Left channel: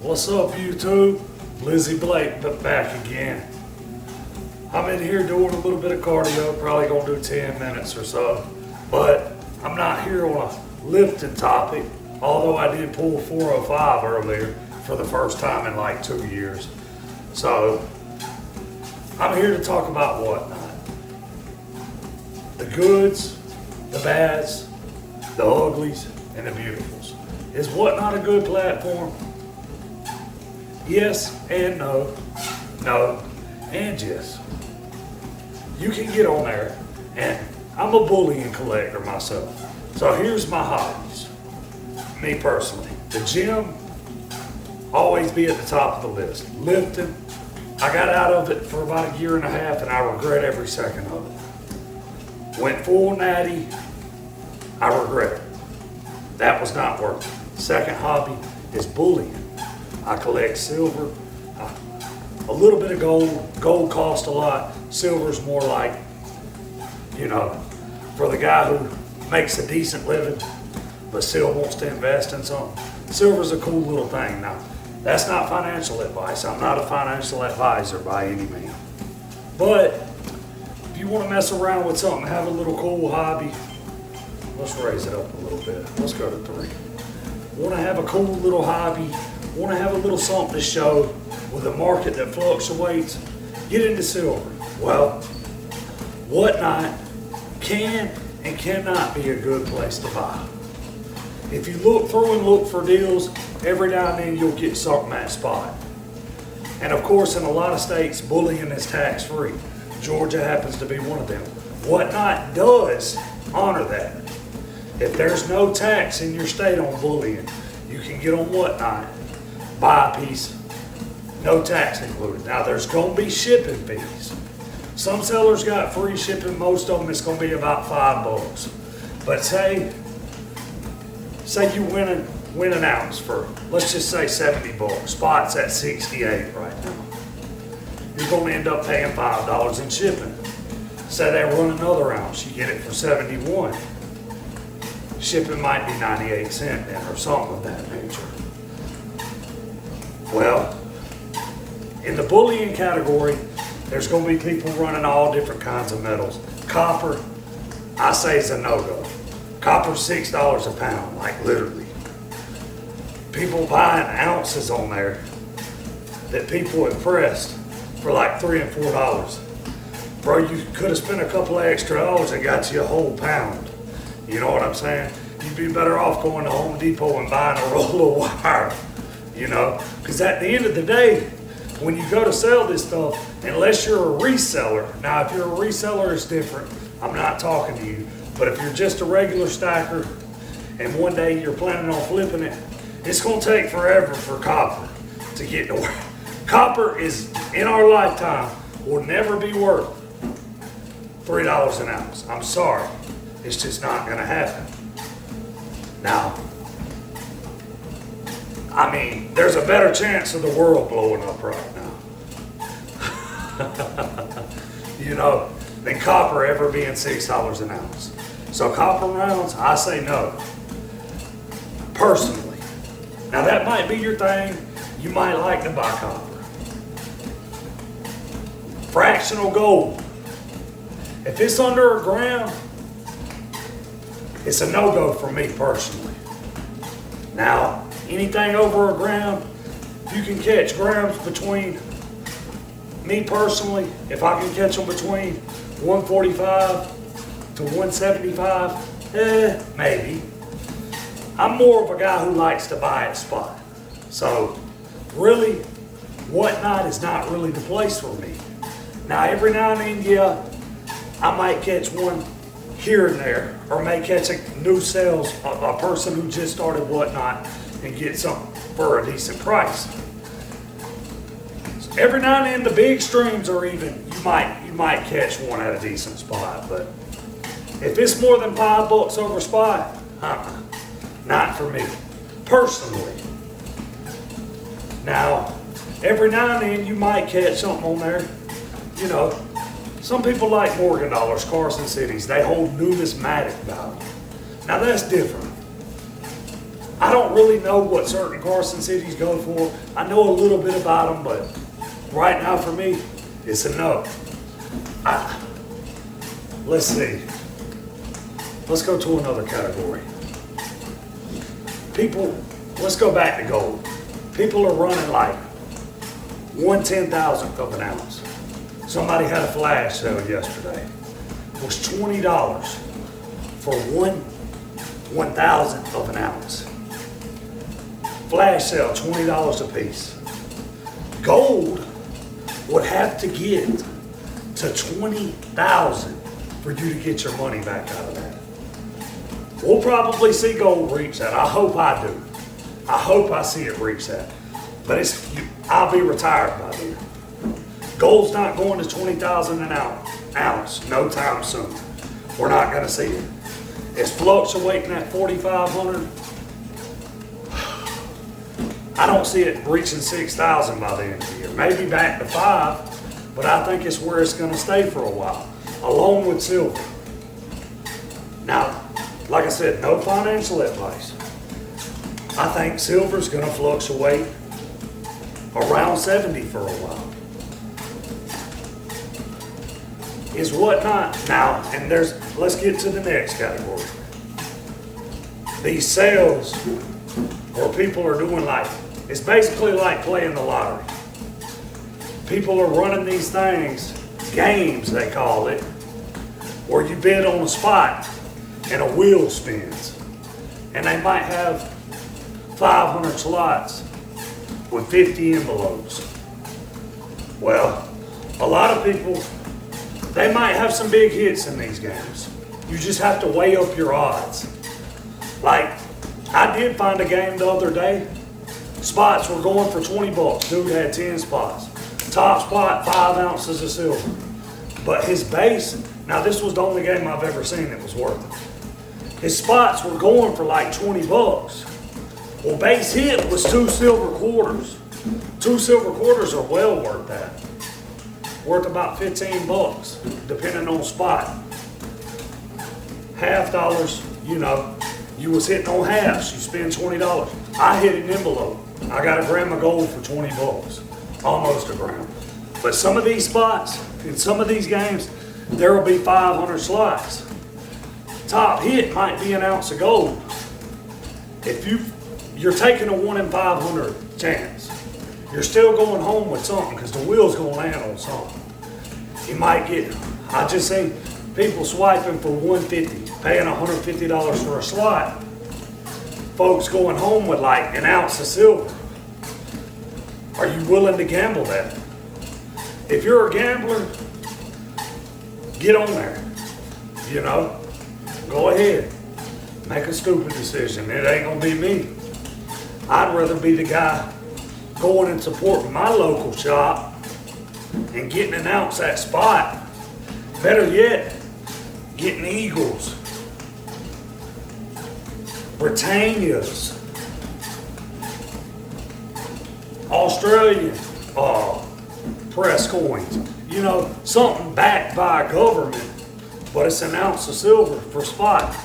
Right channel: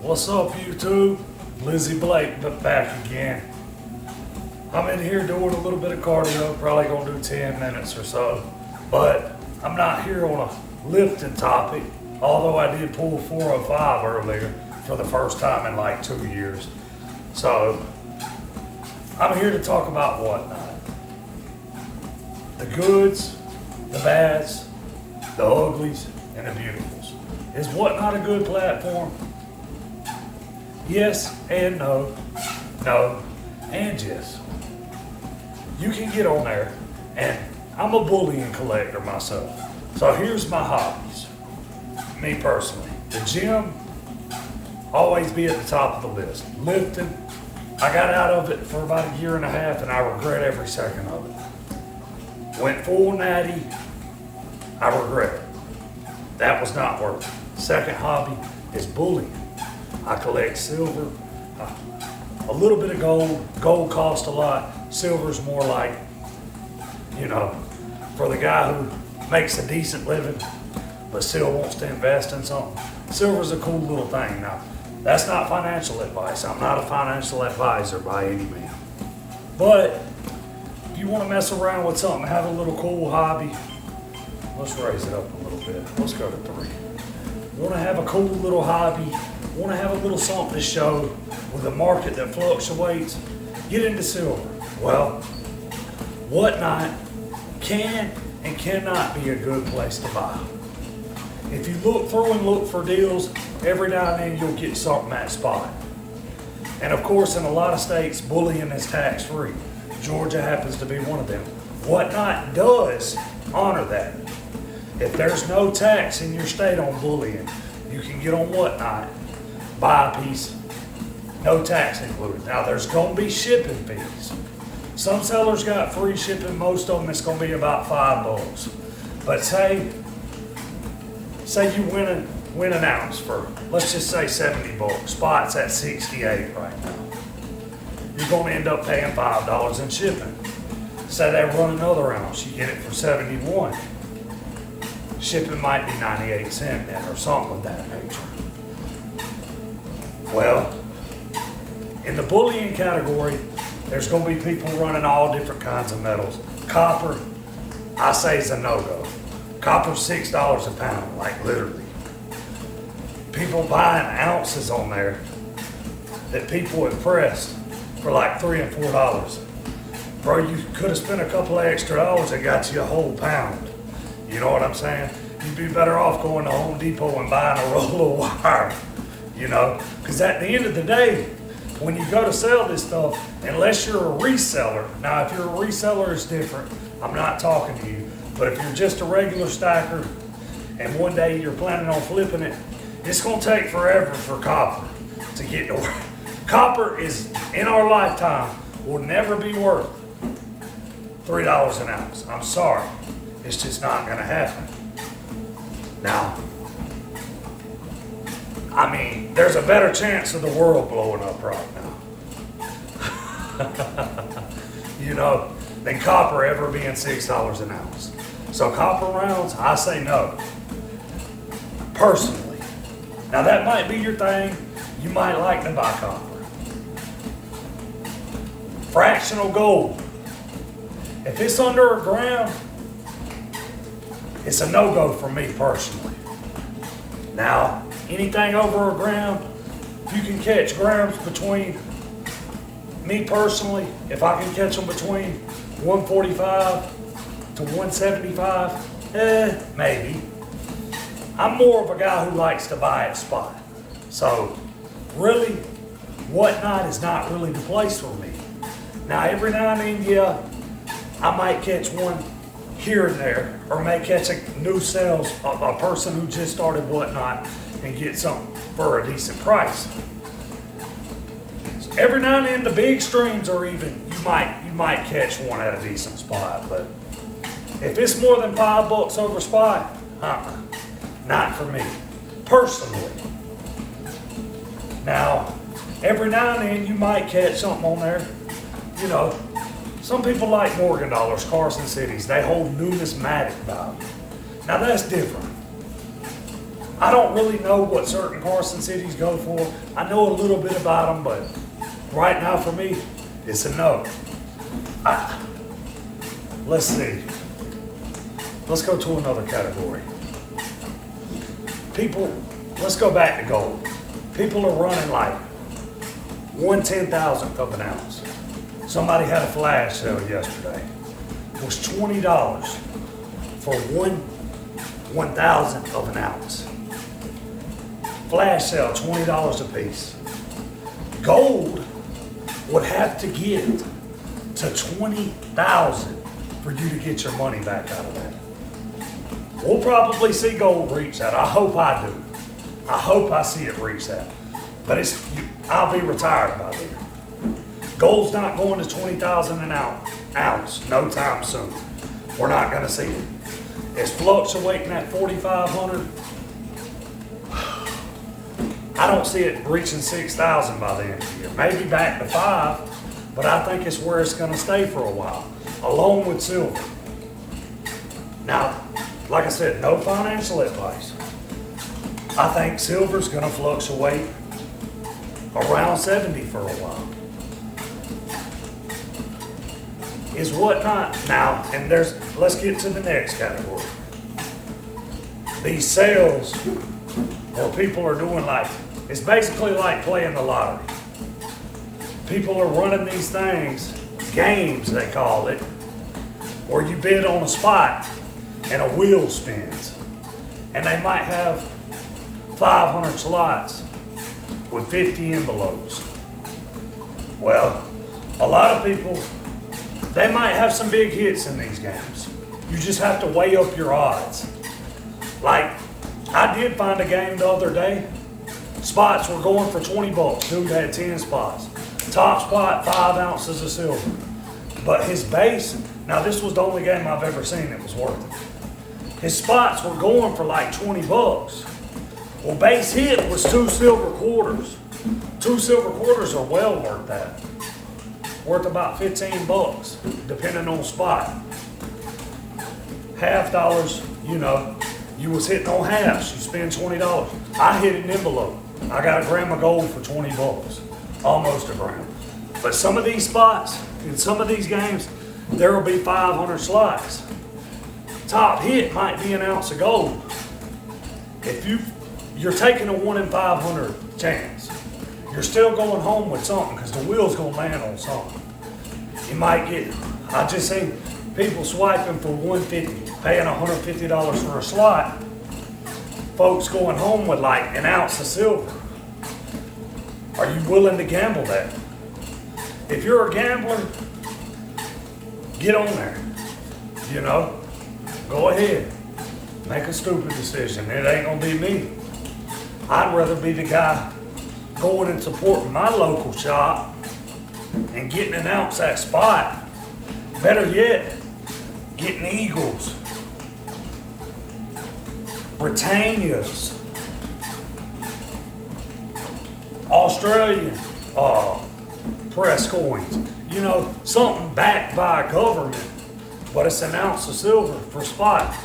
What's up, YouTube? Lizzie Blake back again. I'm in here doing a little bit of cardio, probably gonna do 10 minutes or so. But I'm not here on a lifting topic, although I did pull 405 earlier for the first time in like 2 years. So I'm here to talk about whatnot. The goods, the bads, the uglies, and the beautifuls. Is whatnot a good platform? Yes and no, no and yes. You can get on there, and I'm a bullion collector myself. So here's my hobbies. Me personally, the gym, always be at the top of the list. Lifting, I got out of it for about 1.5 years, and I regret every second of it. Went full natty, I regret it. That was not worth it. Second hobby is bullion. I collect silver, a little bit of gold. Gold costs a lot. Silver's more like, for the guy who makes a decent living but still wants to invest in something. Silver's a cool little thing. Now, that's not financial advice. I'm not a financial advisor by any means. But if you want to mess around with something, have a little cool hobby, let's raise it up a little bit. Let's go to 3. Want to have a cool little hobby, want to have a little something to show with a market that fluctuates, get into silver. Well, whatnot can and cannot be a good place to buy. If you look through and look for deals, every now and then you'll get something at spot. And of course, in a lot of states, bullion is tax-free. Georgia happens to be one of them. Whatnot does honor that. If there's no tax in your state on bullion, you can get on whatnot, buy a piece, no tax included. Now there's gonna be shipping fees. Some sellers got free shipping, most of them it's gonna be about $5. But say you win an ounce for, let's just say 70 bucks. Spot's at 68 right now. You're gonna end up paying $5 in shipping. Say they run another ounce, you get it for 71. Shipping might be 98 cents then, or something of that nature. Well, in the bullion category, there's going to be people running all different kinds of metals. Copper, I say, is a no-go. Copper's $6 a pound, like literally. People buying ounces on there that people have pressed for like $3 and $4. Bro, you could have spent a couple of extra dollars and got you a whole pound. You know what I'm saying? You'd be better off going to Home Depot and buying a roll of wire, because at the end of the day, when you go to sell this stuff, unless you're a reseller, now if you're a reseller, it's different. I'm not talking to you. But if you're just a regular stacker and one day you're planning on flipping it, it's going to take forever for copper to get to where. Copper is, in our lifetime, will never be worth $3 an ounce. I'm sorry. It's just not going to happen. Now, I mean, there's a better chance of the world blowing up right now. Than copper ever being $6 an ounce. So copper rounds, I say no. Personally. Now that might be your thing. You might like to buy copper. Fractional gold. If it's under a gram, it's a no-go for me personally. Now, anything over a gram, if you can catch grams between, me personally, if I can catch them between 145 to 175, maybe. I'm more of a guy who likes to buy at spot. So, really, whatnot is not really the place for me. Now, every now and then, yeah, I might catch one here and there, or may catch a new sales, a person who just started whatnot and get something for a decent price. So every now and then the big streams are even, you might catch one at a decent spot, but if it's more than $5 over spot, not for me, personally. Now, every now and then you might catch something on there, some people like Morgan dollars, Carson Cities. They hold numismatic value. Now that's different. I don't really know what certain Carson cities go for. I know a little bit about them, but right now for me, it's a no. Let's see. Let's go to another category. People, let's go back to gold. People are running like 1/10,000th of an ounce. Somebody had a flash sale yesterday. It was $20 for 1/1000th of an ounce. Flash sale, $20 a piece. Gold would have to get to 20,000 for you to get your money back out of that. We'll probably see gold reach that. I hope I do. I hope I see it reach that. But I'll be retired by then. Gold's not going to 20,000 an ounce no time soon. We're not going to see it. It's fluctuating at 4,500. I don't see it reaching 6,000 by the end of the year. Maybe back to 5, but I think it's where it's going to stay for a while, along with silver. Now, like I said, no financial advice. I think silver's going to fluctuate around 70 for a while. Is whatnot now, and let's get to the next category. These sales where people are doing it's basically like playing the lottery. People are running these things, games they call it, where you bid on a spot and a wheel spins. And they might have 500 slots with 50 envelopes. Well, a lot of people, they might have some big hits in these games. You just have to weigh up your odds. Like, I did find a game the other day. Spots were going for 20 bucks. Dude had 10 spots. Top spot, 5 ounces of silver. But his base, now this was the only game I've ever seen that was worth it. His spots were going for like 20 bucks. Well, base hit was 2 silver quarters. 2 silver quarters are well worth that. Worth about 15 bucks, depending on spot. Half dollars, you was hitting on halves. You spend $20. I hit an envelope. I got a gram of gold for 20 bucks. Almost a gram. But some of these spots, in some of these games, there will be 500 slots. Top hit might be an ounce of gold. If you're taking a 1 in 500 chance, you're still going home with something because the wheel's going to land on something. You might I just seen people swiping for $150, paying $150 for a slot. Folks going home with like an ounce of silver. Are you willing to gamble that? If you're a gambler, get on there. Go ahead. Make a stupid decision. It ain't gonna be me. I'd rather be the guy going and supporting my local shop and getting an ounce at spot. Better yet, getting Eagles, Britannias, Australian press coins. Something backed by a government, but it's an ounce of silver for spot.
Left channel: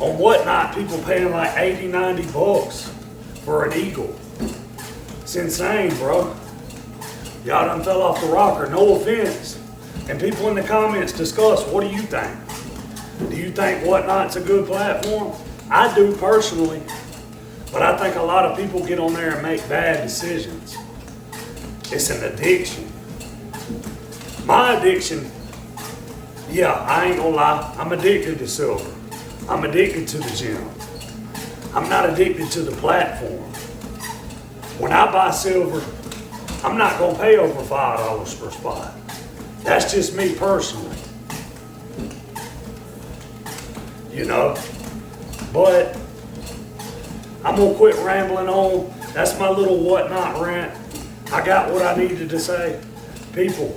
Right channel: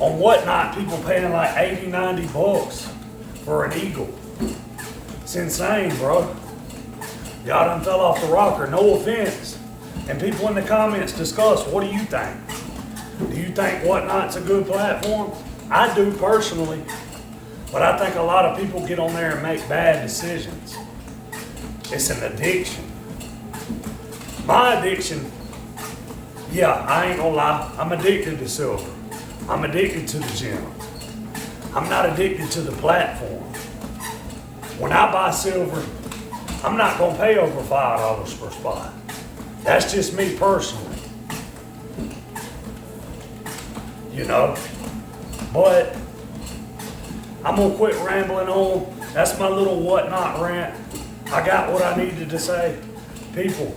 On whatnot, people paying like 80, 90 bucks for an eagle. It's insane, bro. Y'all done fell off the rocker, no offense. And people in the comments discuss, what do you think? Do you think Whatnot's a good platform? I do personally, but I think a lot of people get on there and make bad decisions. It's an addiction. My addiction, I ain't gonna lie, I'm addicted to silver. I'm addicted to the gym. I'm not addicted to the platform. When I buy silver, I'm not gonna pay over $5 per spot. That's just me personally. But I'm gonna quit rambling on. That's my little Whatnot rant. I got what I needed to say. People,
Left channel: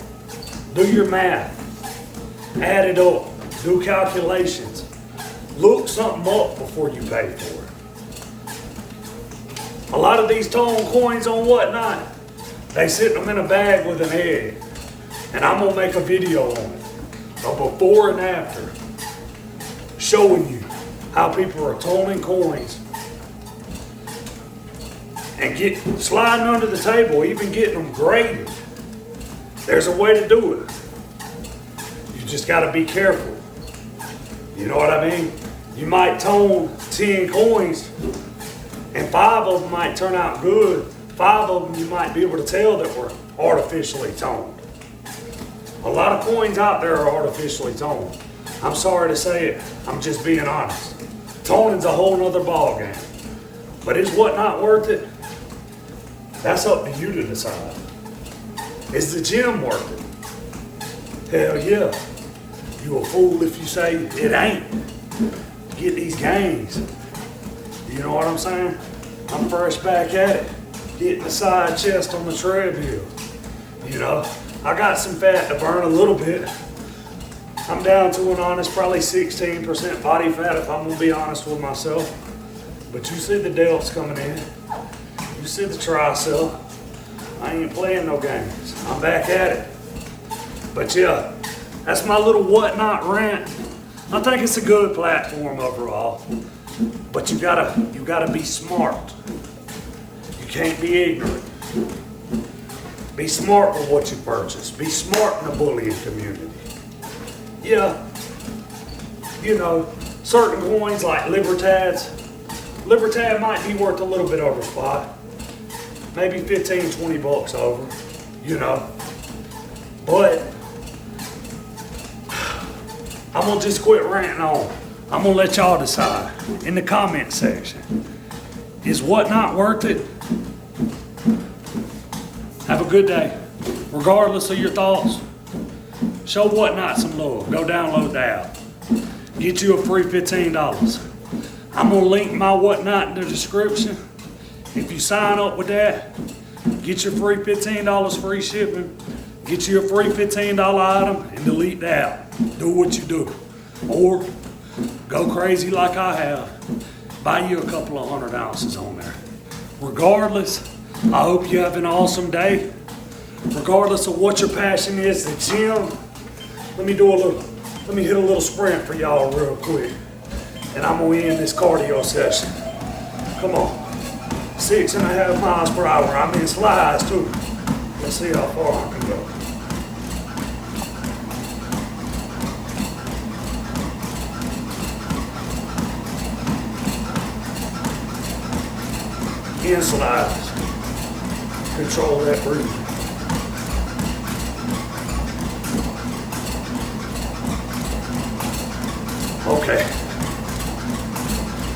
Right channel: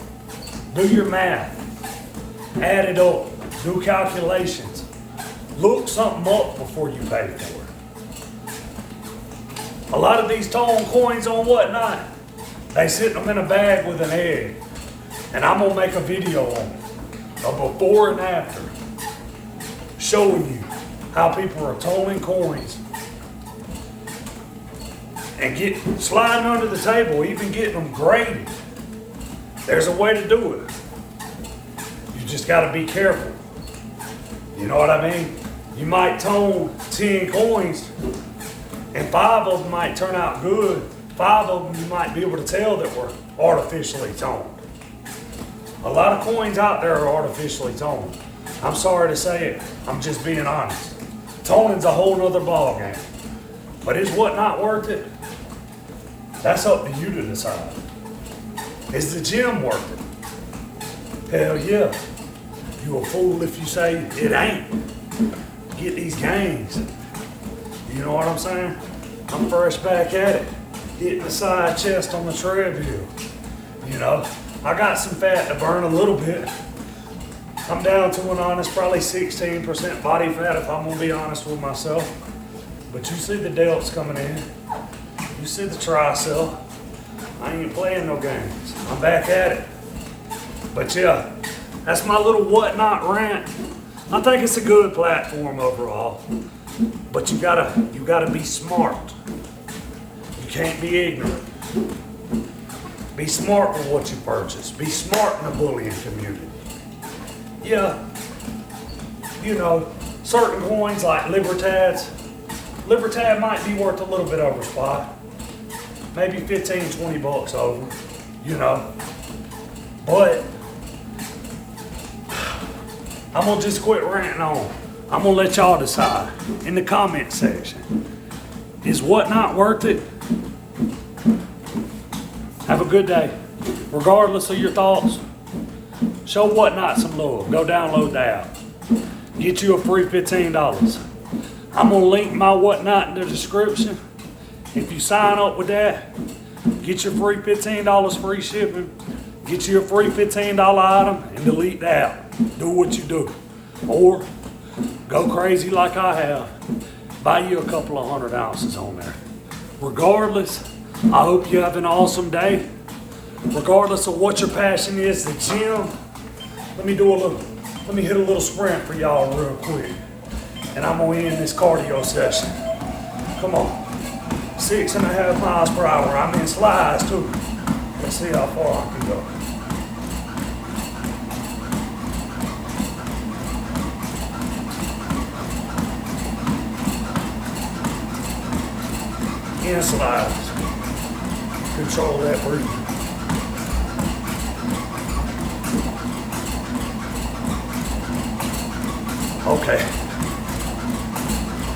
do your math. Add it up. Do calculations. Look something up before you pay for it. A lot of these tone coins on Whatnot, they sit them in a bag with an egg. And I'm gonna make a video on it, a before and after, showing you how people are toning coins and sliding under the table, even getting them graded. There's a way to do it. You just got to be careful. You know what I mean? You might tone 10 coins and 5 of them might turn out good. 5 of them you might be able to tell that were artificially toned. A lot of coins out there are artificially toned. I'm sorry to say it, I'm just being honest. Toning's a whole nother ball game. But is whatnot worth it? That's up to you to decide. Is the gym worth it? Hell yeah. You a fool if you say it ain't. Get these gains. You know what I'm saying? I'm fresh back at it. Hitting the side chest on the treadmill. You know, I got some fat to burn a little bit. I'm down to an honest, probably 16% body fat if I'm gonna be honest with myself. But you see the delts coming in. You see the tricep. I ain't playing no games. I'm back at it. But yeah, that's my little whatnot rant. I think it's a good platform overall. But you gotta be smart. You can't be ignorant. Be smart with what you purchase. Be smart in the bullying community. Yeah, you know, certain coins like Libertads. Libertad might be worth a little bit over spot. Maybe 15, 20 bucks over, you know. But I'm gonna just quit ranting on. I'm gonna let y'all decide in the comment section. Is whatnot worth it? Have a good day. Regardless of your thoughts, show whatnot some love. Go download the app. Get you a free $15. I'm gonna link my whatnot in the description. If you sign up with that, get your free $15 free shipping, get you a free $15 item, and delete the app. Do what you do. Or go crazy like I have. Buy you a couple of 100 ounces on there. Regardless, I hope you have an awesome day. Regardless of what your passion is, the gym. Let me hit a little sprint for y'all real quick. And I'm gonna end this cardio session. Come on. 6.5 miles per hour. I'm in slides too. Let's see how far I can go. In slides. Control that breathing. Okay.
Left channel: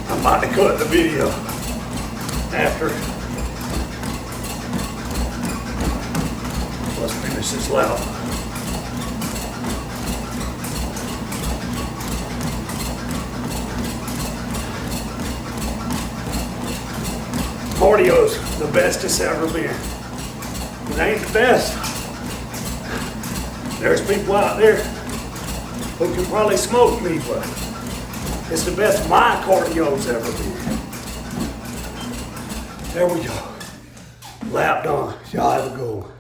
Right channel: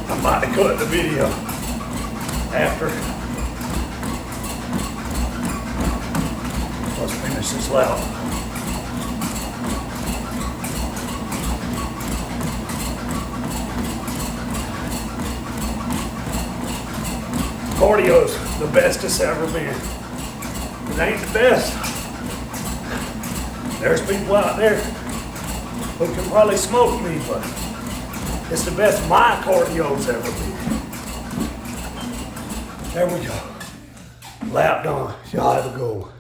I'm about to cut the video after. Let's finish this lap. Cardio's the best it's ever been. It ain't the best. There's people out there who can probably smoke me, but it's the best my cardio's ever been. There we go. Lap done. Y'all have a good one.